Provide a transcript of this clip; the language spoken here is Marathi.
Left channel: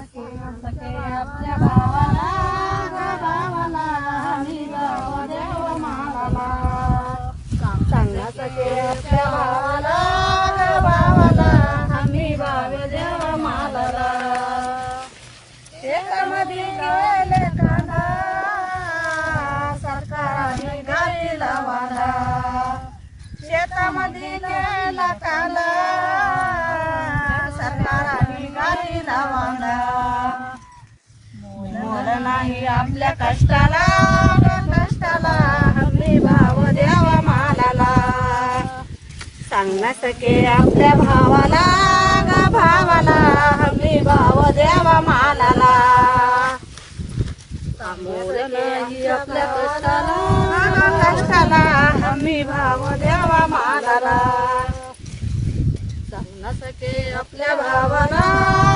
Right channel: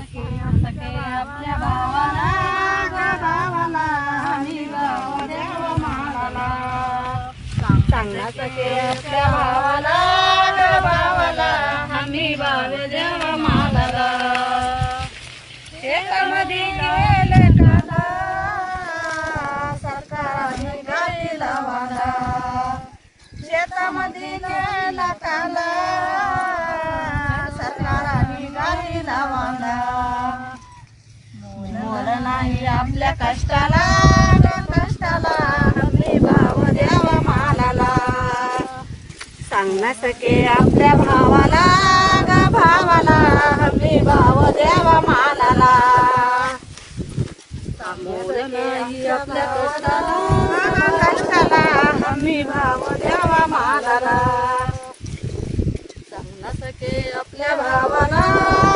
सखे सखे आपल्या भावाला भावाला देव चांगला सखे आपल्या भावाला भावाला देव शेतामध्ये गेले कांदा सरकारने घालीला शेतामध्ये गेला कांदा नाही आपल्या कष्टाला कष्टाला हमी भाव द्यावा मालाला. सांगण्या सके आपल्या भावाला भावाला हमी भाव द्यावा मालाला. आपल्या कष्टाला हमी भाव द्यावा मालाला. सांगना सके आपल्या भावाला